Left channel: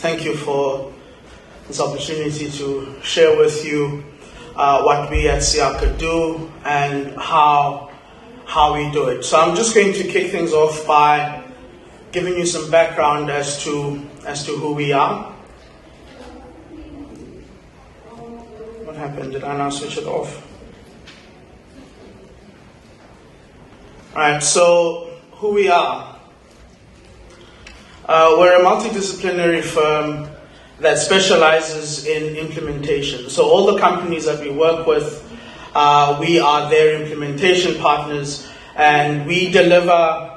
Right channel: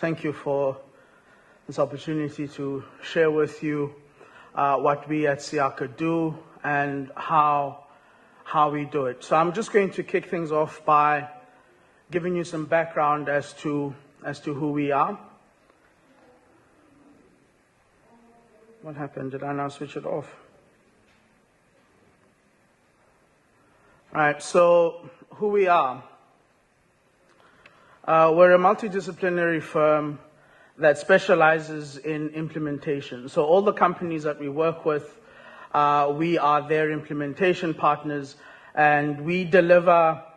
Thank you for this opportunity to share with you what we at Siaka do and how we do it. So I'm just going to kick things off by giving you some background as to who we are. What happened? Did I now switch it off? All right, so who we are. We're a multidisciplinary firm that specializes in implementation. So all the companies that we work with, we are their implementation partners, and we deliver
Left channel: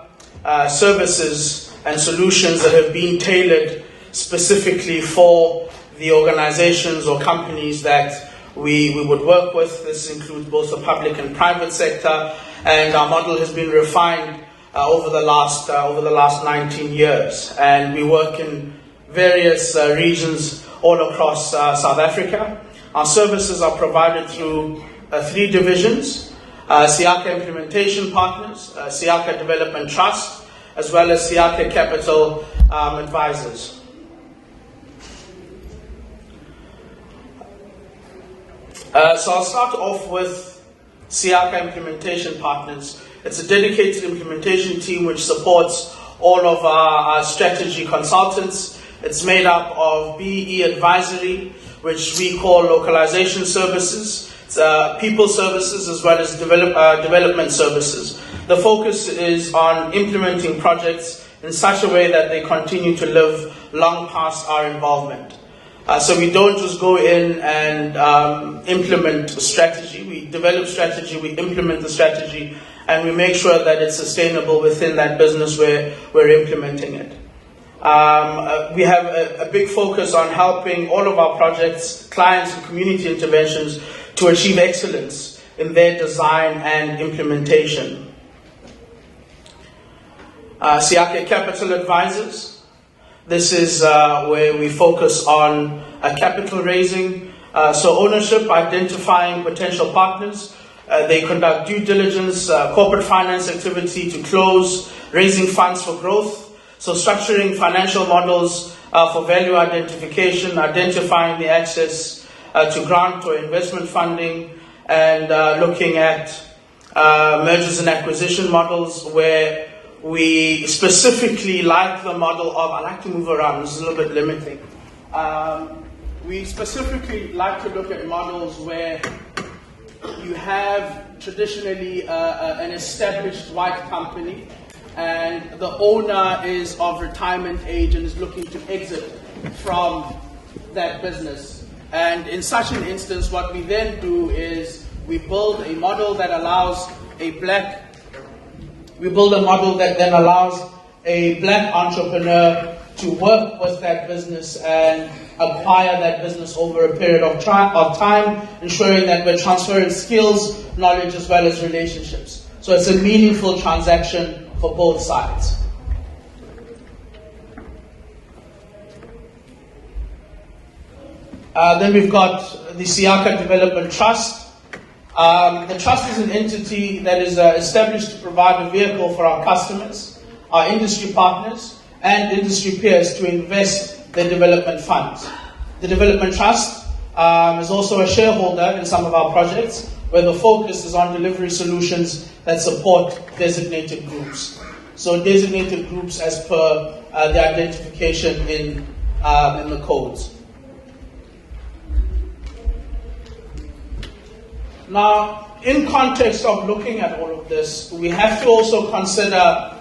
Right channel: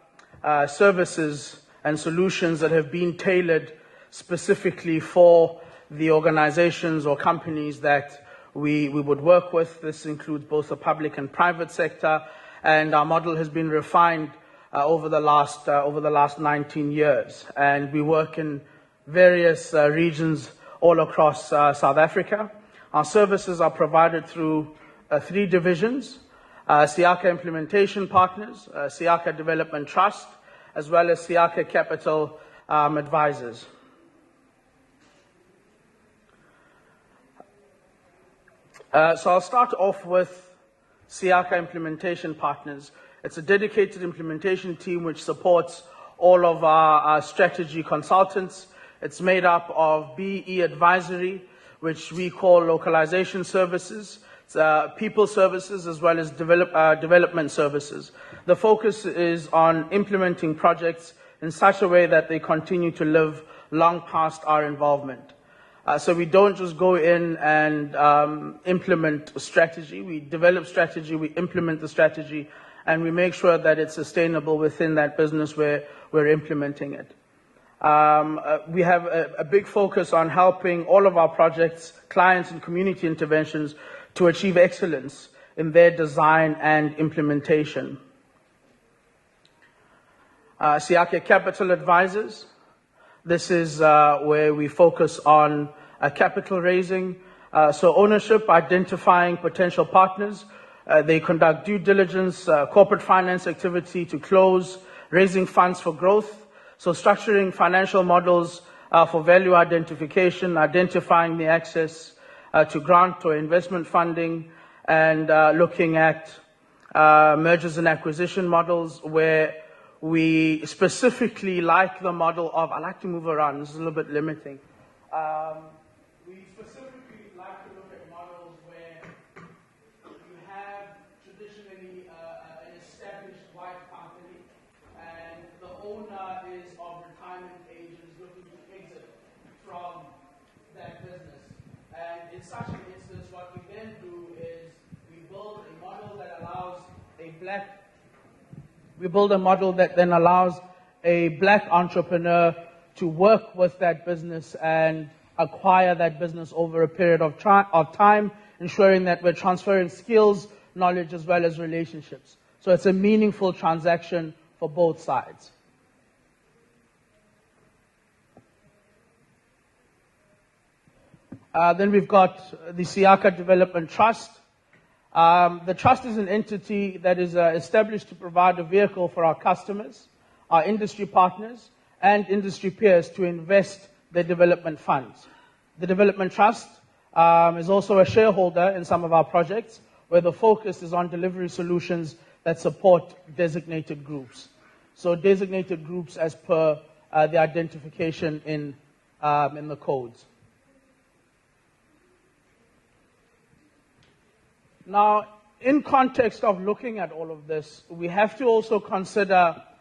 services and solutions that have been tailored specifically for the organizations or companies that we would work with. This includes both the public and private sector, and our model has been refined over the last 19 years, and we work in various regions all across South Africa. Our services are provided through 3 divisions: Siaka Implementation Partners, Siaka Development Trust, as well as Siaka Capital Advisors. So I'll start off with Siaka Implementation Partners. It's a dedicated implementation team which supports all of our strategy consultants. It's made up of BE advisory, which we call localization services, people services, as well as development services. The focus is on implementing projects in such a way that they continue to live long past our involvement. So we don't just go in and implement strategy. We develop strategy, we implement the strategy, and we make sure that it's sustainable within that business where we're implementing it. We have a big focus on helping all of our projects, clients, and community interventions to achieve excellence in their design and implementation. Siaka Capital Advisors. This is where we focus on capital raising, so ownership, identifying potential partners. They conduct due diligence, corporate finance activity to close, raising funds for growth, so structuring financial models for value identification, identifying the access to grant or investment funding, and looking at mergers and acquisition models where we specifically like the model of, I like to move around, this is a little bit limiting. We specifically like to look at models where you have traditionally an established white company, and the owner is of retirement age and is looking to exit from that business. And in such an instance, what we then do is we build a model that allows then allows a black entrepreneur to work with that business and acquire that business over a period of time, ensuring that we're transferring skills, knowledge, as well as relationships. So it's a meaningful transaction for both sides. Then we've got the Siaka Development Trust. The trust is an entity that is established to provide a vehicle for our customers, our industry partners, and industry peers to invest their development funds. The Development Trust is also a shareholder in some of our projects, where the focus is on delivery solutions that support designated groups. So designated groups as per the identification in the codes. Now, in context of looking at all of this, we have to also consider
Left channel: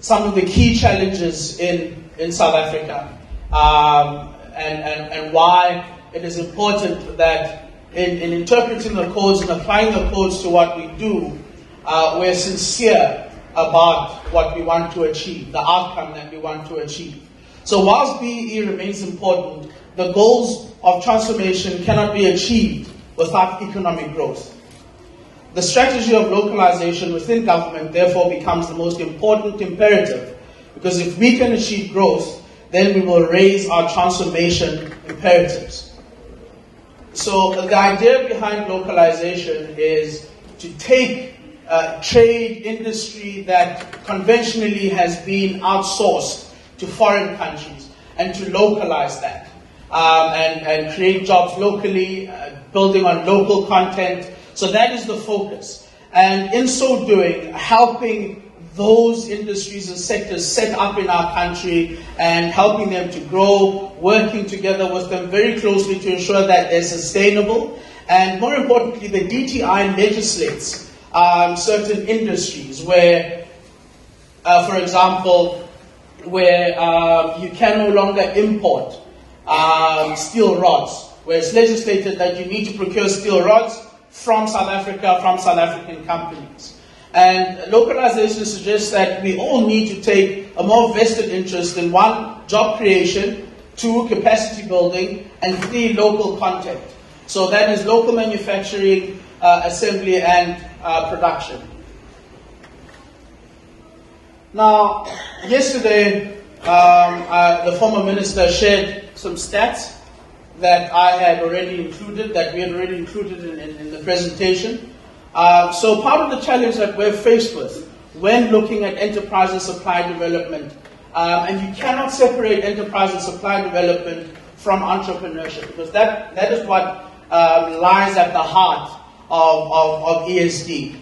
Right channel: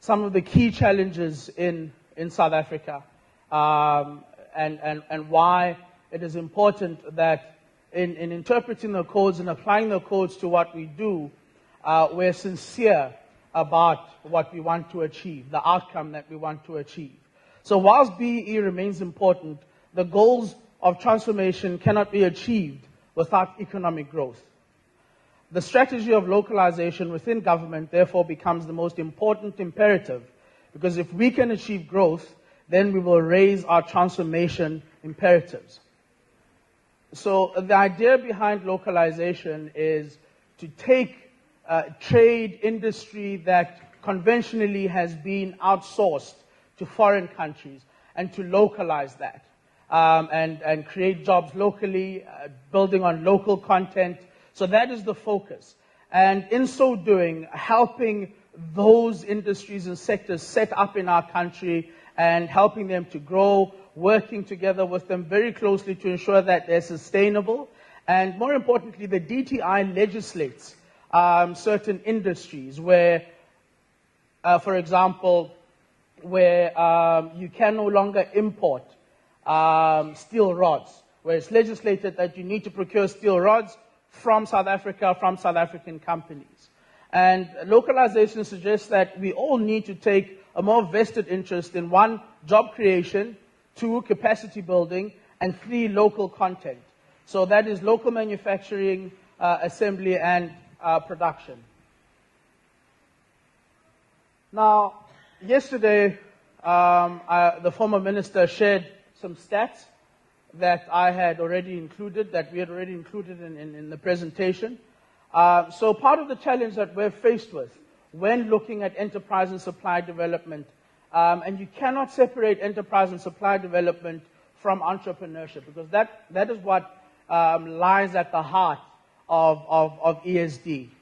some of the key challenges in South Africa, and why it is important that in interpreting the codes and applying the codes to what we do, we're sincere about what we want to achieve, the outcome that we want to achieve. So whilst BEE remains important, the goals of transformation cannot be achieved without economic growth. The strategy of localization within government therefore becomes the most important imperative, because if we can achieve growth, then we will raise our transformation imperatives. So the idea behind localization is to take trade industry that conventionally has been outsourced to foreign countries and to localize that and create jobs locally, building on local content. So that is the focus. And in so doing, helping those industries and sectors set up in our country and helping them to grow, working together with them very closely to ensure that they're sustainable. And more importantly, the DTI legislates certain industries where, for example, where you can no longer import steel rods, where it's legislated that you need to procure steel rods from South Africa, from South African companies. And localization suggests that we all need to take a more vested interest in 1, job creation, 2, capacity building, and 3, local content. So that is local manufacturing, assembly, and production. Now, yesterday, the former minister shared some stats that I had already included, that we had already included in the presentation. So part of the challenge that we're faced with when looking at enterprise and supply development, and you cannot separate enterprise and supply development from entrepreneurship, because that is what lies at the heart of ESD.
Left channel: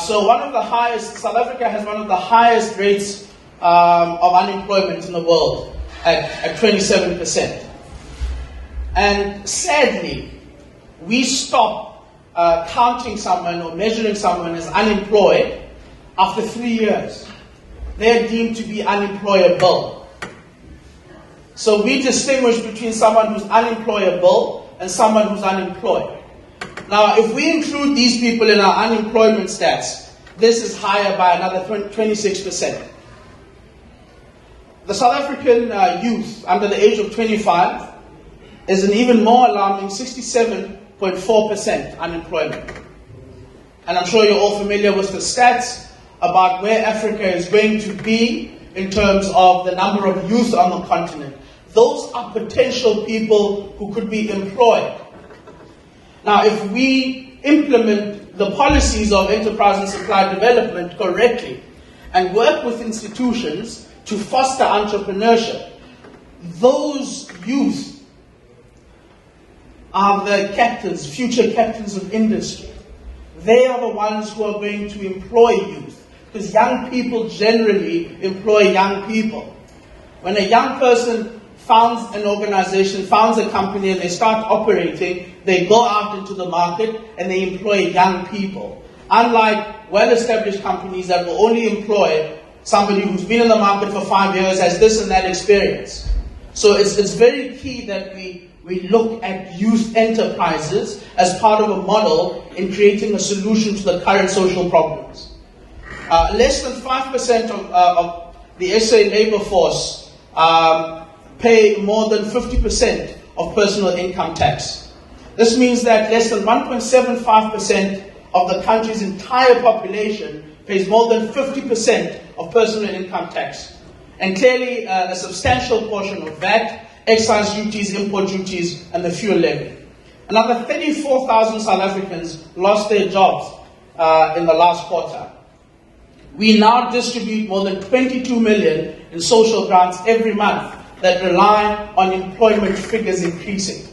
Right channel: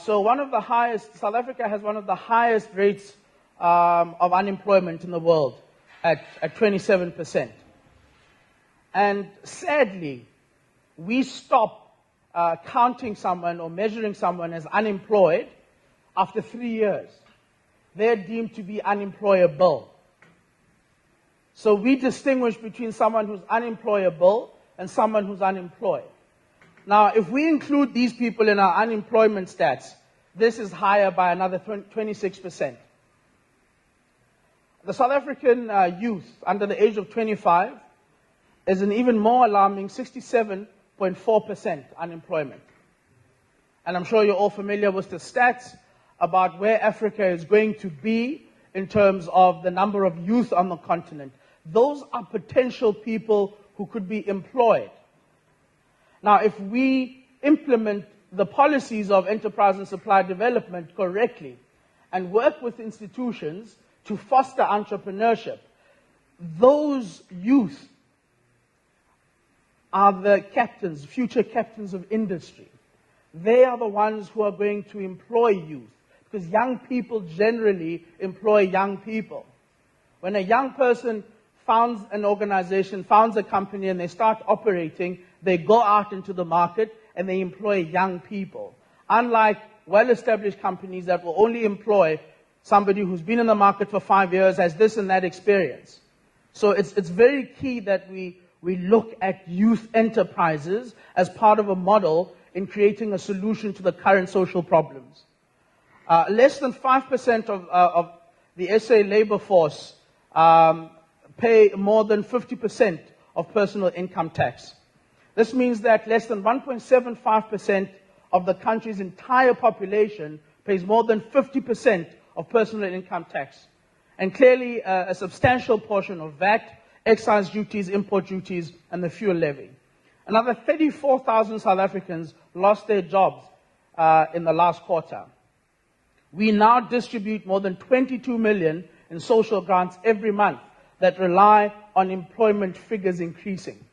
So one of the highest, South Africa has one of the highest rates of unemployment in the world at 27%. And sadly, we stop counting someone or measuring someone as unemployed after 3 years. They're deemed to be unemployable. So we distinguish between someone who's unemployable and someone who's unemployed. Now, if we include these people in our unemployment stats, this is higher by another 26%. The South African youth under the age of 25 is an even more alarming 67.4% unemployment. And I'm sure you're all familiar with the stats about where Africa is going to be in terms of the number of youth on the continent. Those are potential people who could be employed. Now, if we implement the policies of enterprise and supply development correctly and work with institutions to foster entrepreneurship, those youth are the captains, future captains of industry. They are the ones who are going to employ youth, because young people generally employ young people. When a young person founds an organization, founds a company, and they start operating, they go out into the market and they employ young people. Unlike well-established companies that will only employ somebody who's been in the market for 5 years, has this and that experience. So it's very key that we look at youth enterprises as part of a model in creating a solution to the current social problems. Less than 5% of the SA labor force pay more than 50% of personal income tax. This means that less than 1.75% of the country's entire population pays more than 50% of personal income tax. And clearly a substantial portion of VAT, excise duties, import duties, and the fuel levy. Another 34,000 South Africans lost their jobs in the last quarter. We now distribute more than 22 million in social grants every month that rely on employment figures increasing.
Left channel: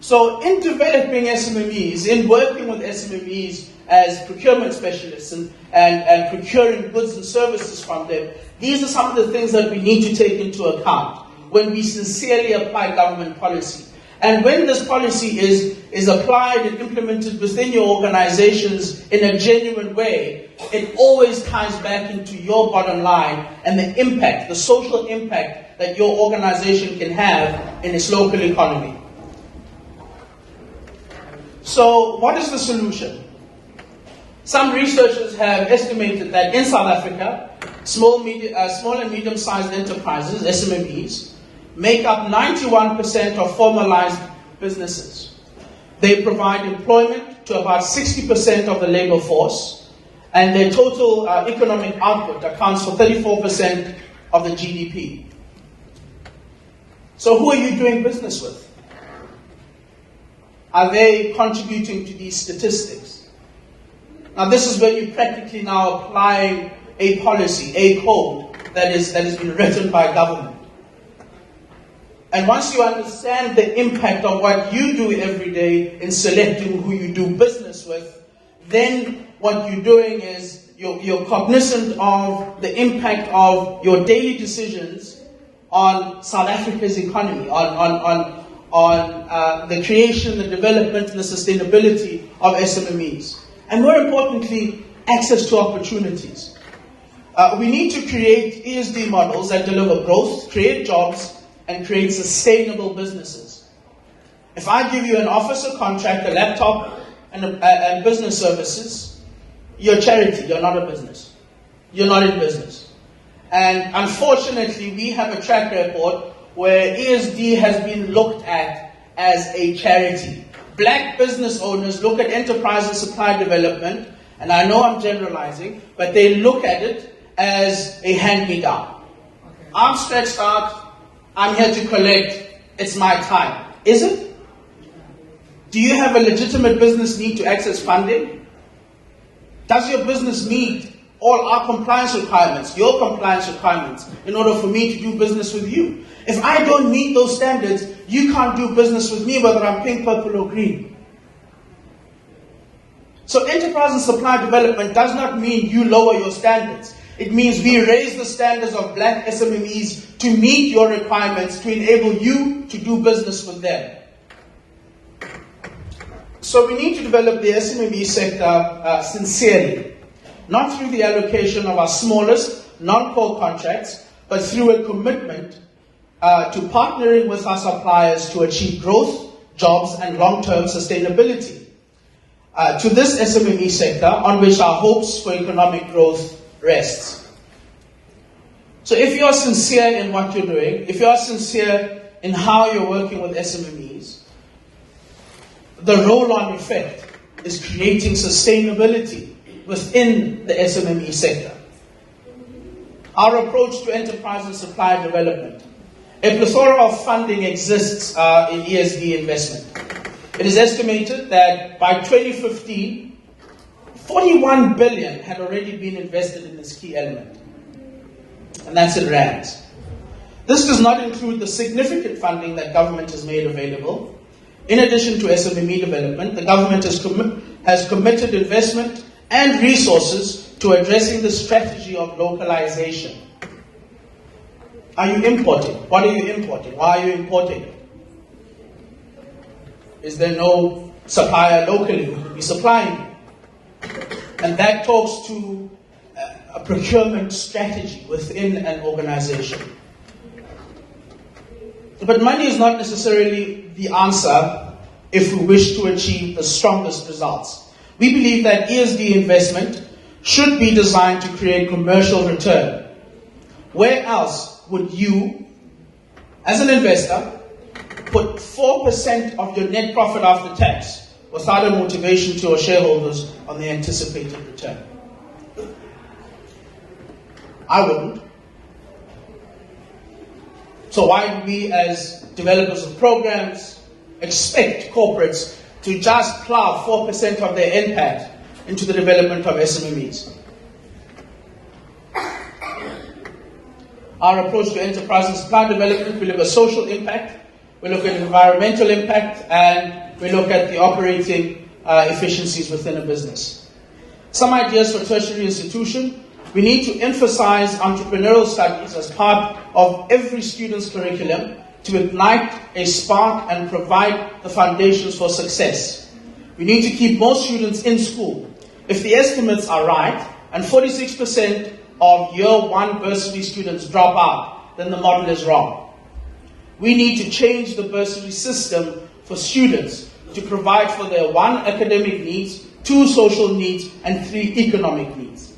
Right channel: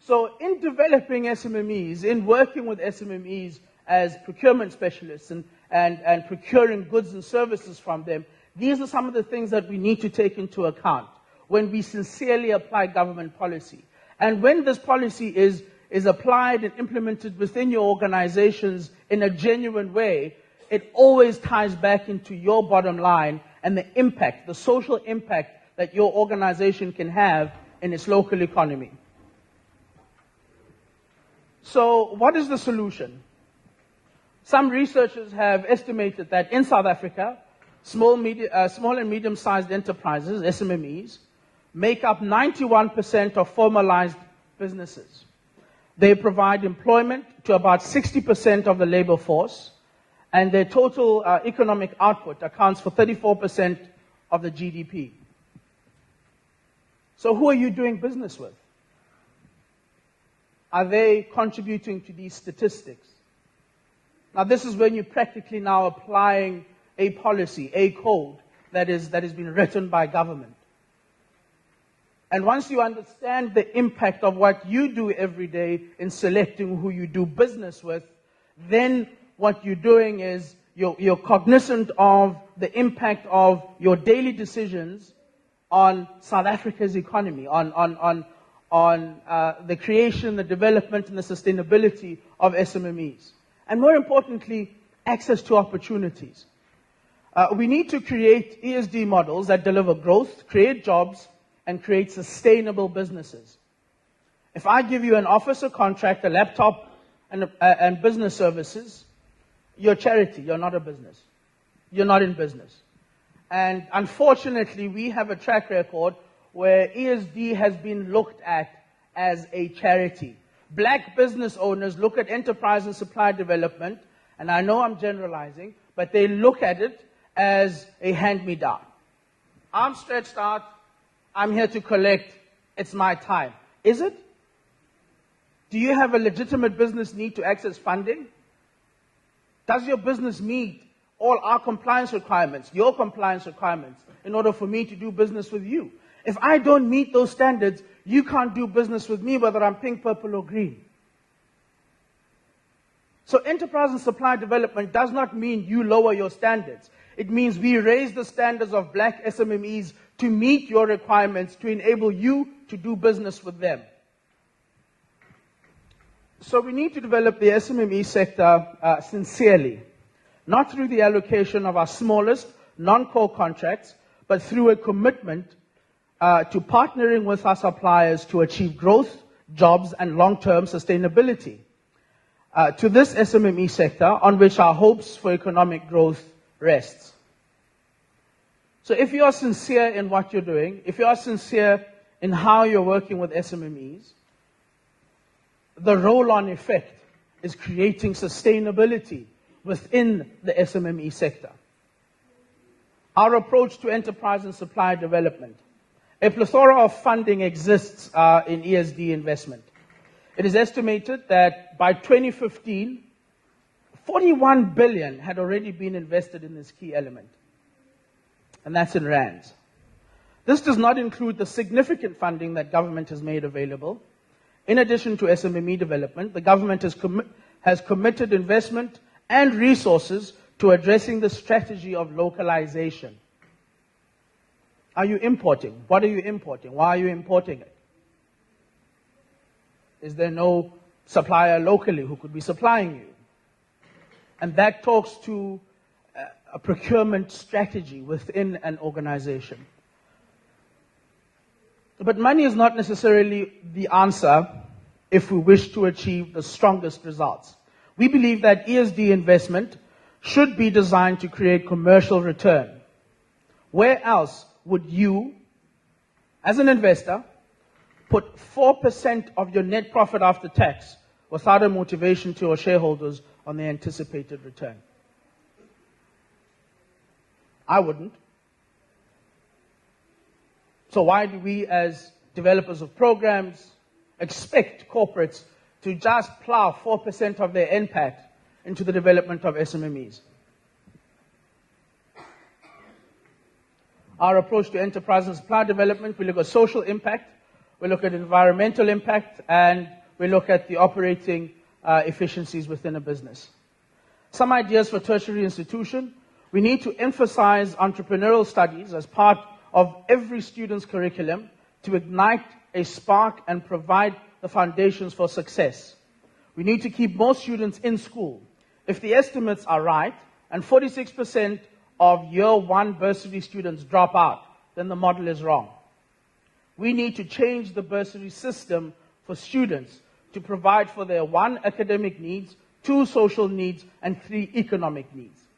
So in developing SMMEs, in working with SMMEs as procurement specialists and procuring goods and services from them, these are some of the things that we need to take into account when we sincerely apply government policy. And when this policy is applied and implemented within your organizations in a genuine way, it always ties back into your bottom line and the impact, the social impact that your organization can have in its local economy. So what is the solution? Some researchers have estimated that in South Africa, small and medium-sized enterprises, SMMEs, make up 91% of formalized businesses. They provide employment to about 60% of the labor force, and their total economic output accounts for 34% of the GDP. So who are you doing business with? Are they contributing to these statistics? Now this is when you're practically now applying a policy, a code that has been written by government. And once you understand the impact of what you do every day in selecting who you do business with, then what you're doing is you're cognizant of the impact of your daily decisions on South Africa's economy, on the creation, the development, and the sustainability of SMMEs. And more importantly, access to opportunities. We need to create ESD models that deliver growth, create jobs, and create sustainable businesses. If I give you an officer contract, a laptop, and business services, you're a charity, you're not a business. You're not in business. And unfortunately, we have a track record where ESD has been looked at as a charity. Black business owners look at enterprise and supply development, and I know I'm generalizing, but they look at it as a hand-me-down. Okay. I'm stretched out, I'm here to collect, it's my time. Is it? Do you have a legitimate business need to access funding? Does your business meet all our compliance requirements, your compliance requirements, in order for me to do business with you? If I don't meet those standards, you can't do business with me, whether I'm pink, purple, or green. So enterprise and supply development does not mean you lower your standards. It means we raise the standards of black SMMEs to meet your requirements, to enable you to do business with them. So we need to develop the SMME sector sincerely, not through the allocation of our smallest non-core contracts, but through a commitment to partnering with our suppliers to achieve growth, jobs, and long-term sustainability. To this SMME sector, on which our hopes for economic growth rests. So if you are sincere in what you're doing, if you are sincere in how you're working with SMMEs, the roll-on effect is creating sustainability within the SMME sector. Our approach to enterprise and supply development. A plethora of funding exists in ESD investment. It is estimated that by 2015, 41 billion had already been invested in this key element. And that's in rands. This does not include the significant funding that government has made available. In addition to SMME development, the government has committed investment and resources to addressing the strategy of localization. Are you importing? What are you importing? Why are you importing? Is there no supplier locally who could be supplying? And that talks to a procurement strategy within an organization. But money is not necessarily the answer if we wish to achieve the strongest results. We believe that ESD investment should be designed to create commercial return. Where else would you, as an investor, put 4% of your net profit after tax without a motivation to your shareholders on the anticipated return? I wouldn't. So why do we, as developers of programs, expect corporates to just plow 4% of their NPAT into the development of SMMEs? Our approach to enterprise and supply development, we look at social impact, we look at environmental impact, and we look at the operating efficiencies within a business. Some ideas for tertiary institution. We need to emphasize entrepreneurial studies as part of every student's curriculum to ignite a spark and provide the foundations for success. We need to keep more students in school. If the estimates are right, and 46% of year one bursary students drop out, then the model is wrong. We need to change the bursary system for students to provide for their 1, academic needs, 2, social needs, and 3, economic needs.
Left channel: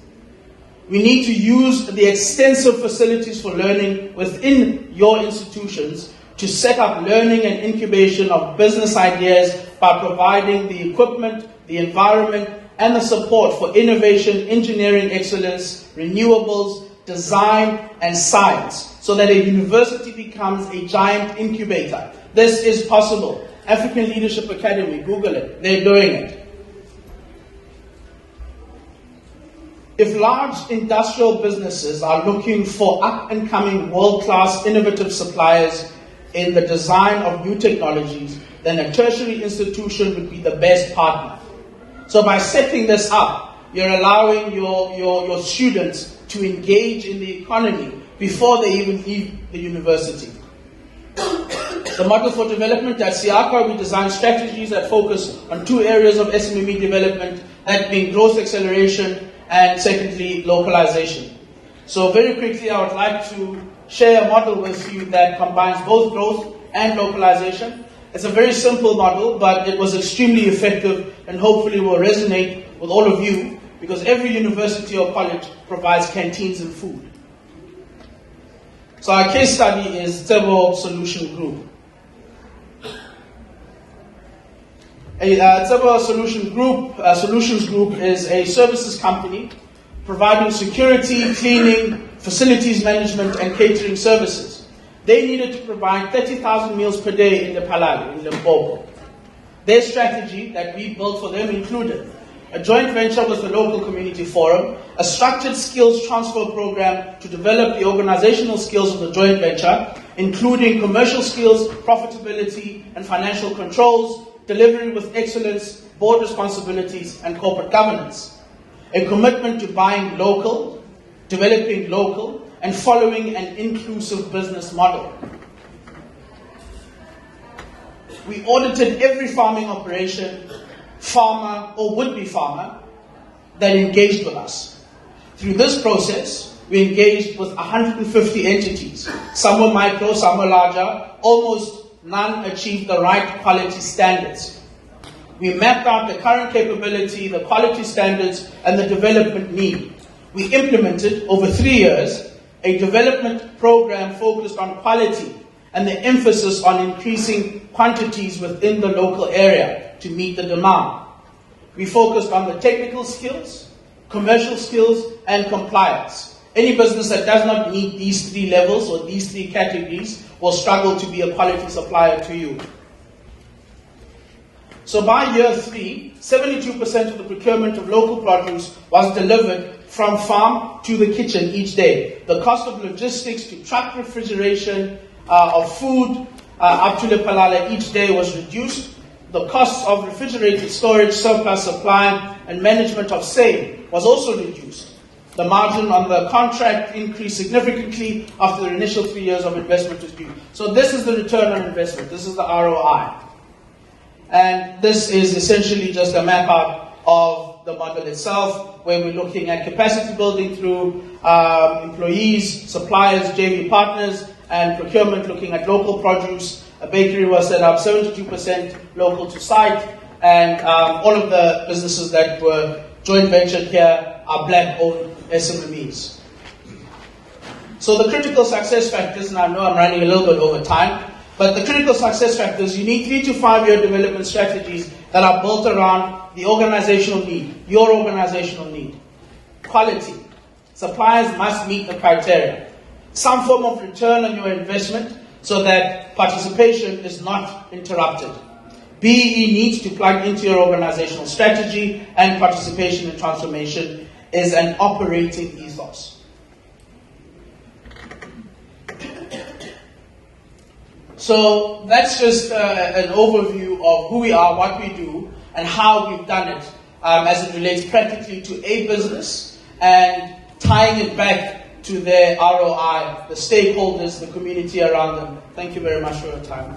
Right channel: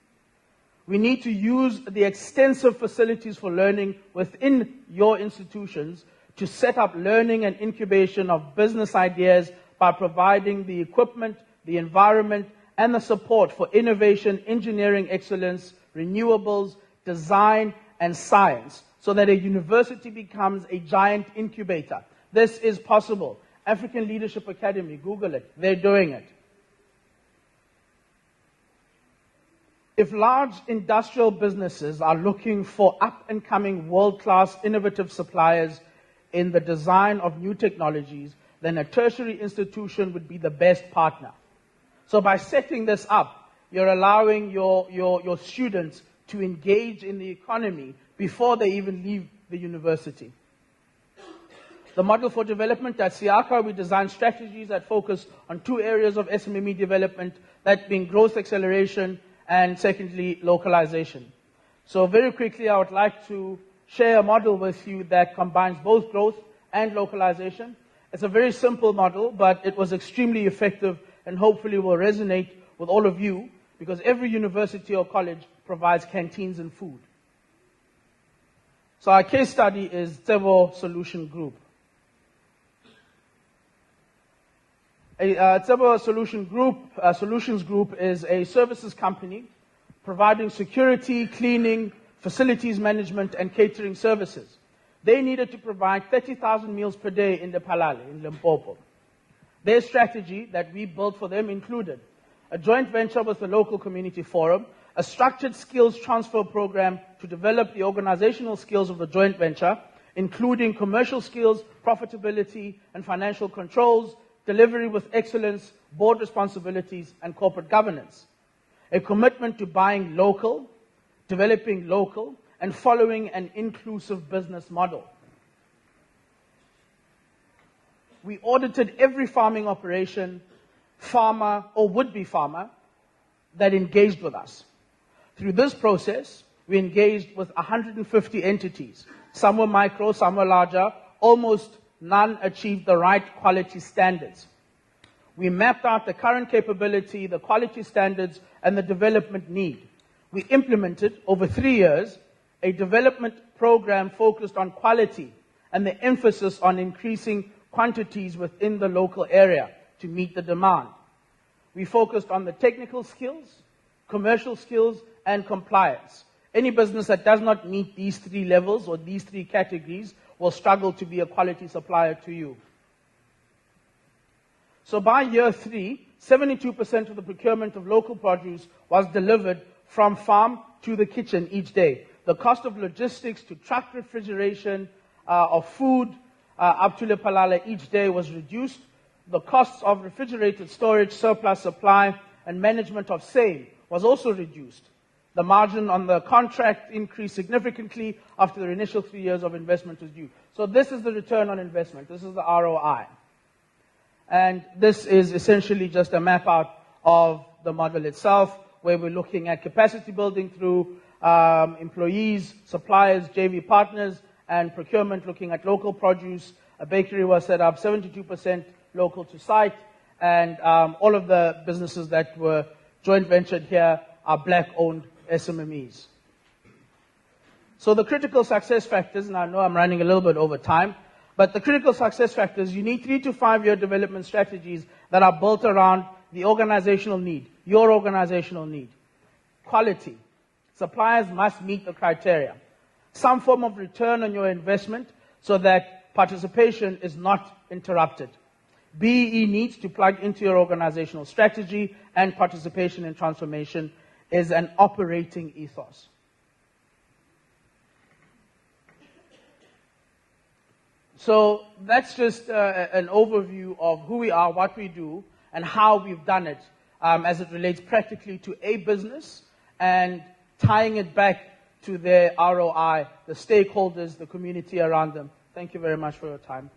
We need to use the extensive facilities for learning within your institutions to set up learning and incubation of business ideas by providing the equipment, the environment, and the support for innovation, engineering excellence, renewables, design, and science, so that a university becomes a giant incubator. This is possible. African Leadership Academy, Google it, they're doing it. If large industrial businesses are looking for up-and-coming world-class innovative suppliers, in the design of new technologies, then a tertiary institution would be the best partner. So by setting this up, you're allowing your students to engage in the economy before they even leave the university. The model for development at SIACA, we design strategies that focus on two areas of SMME development, that being growth acceleration and secondly, localization. So very quickly, I would like to share a model with you that combines both growth and localization. It's a very simple model, but it was extremely effective and hopefully will resonate with all of you because every university or college provides canteens and food. So our case study is Ntholeng Solution Group. Ntholeng Solutions Group is a services company providing security, cleaning, facilities management, and catering services. They needed to provide 30,000 meals per day in the Palale, in Mpho. Their strategy that we built for them included a joint venture with the local community forum, a structured skills transfer program to develop the organizational skills of the joint venture, including commercial skills, profitability, and financial controls, delivery with excellence, board responsibilities, and corporate governance. A commitment to buying local, developing local, and following an inclusive business model. We audited every farming operation, farmer or would-be farmer that engaged with us. Through this process, we engaged with 150 entities. Some were micro, some were larger. Almost none achieved the right quality standards. We mapped out the current capability, the quality standards, and the development need. We implemented, over 3 years, a development program focused on quality and the emphasis on increasing quantities within the local area to meet the demand. We focused on the technical skills, commercial skills, and compliance. Any business that does not meet these 3 levels or these 3 categories will struggle to be a quality supplier to you. So by year 3, 72% of the procurement of local produce was delivered from farm to the kitchen each day. The cost of logistics to truck refrigeration of food up to the Palale each day was reduced. The costs of refrigerated storage, surplus supply, and management of sale was also reduced. The margin on the contract increased significantly after the initial 3 years of investment was due. So this is the return on investment. This is the ROI. And this is essentially just a map out of the model itself, where we're looking at capacity building through employees, suppliers, JV partners, and procurement looking at local produce. A bakery was set up, 72% local to site, and all of the businesses that were joint ventured here are black-owned SMMEs. So the critical success factors, and I know I'm running a little bit over time, but the critical success factors, you need 3 to 5 year development strategies that are built around the organizational need, your organizational need. Quality. Suppliers must meet the criteria. Some form of return on your investment so that participation is not interrupted. BEE needs to plug into your organizational strategy, and participation in transformation is an operating ethos. So that's just an overview of who we are, what we do, and how we've done it as it relates practically to a business and tying it back to their ROI, the stakeholders, the community around them. Thank you very much for your time.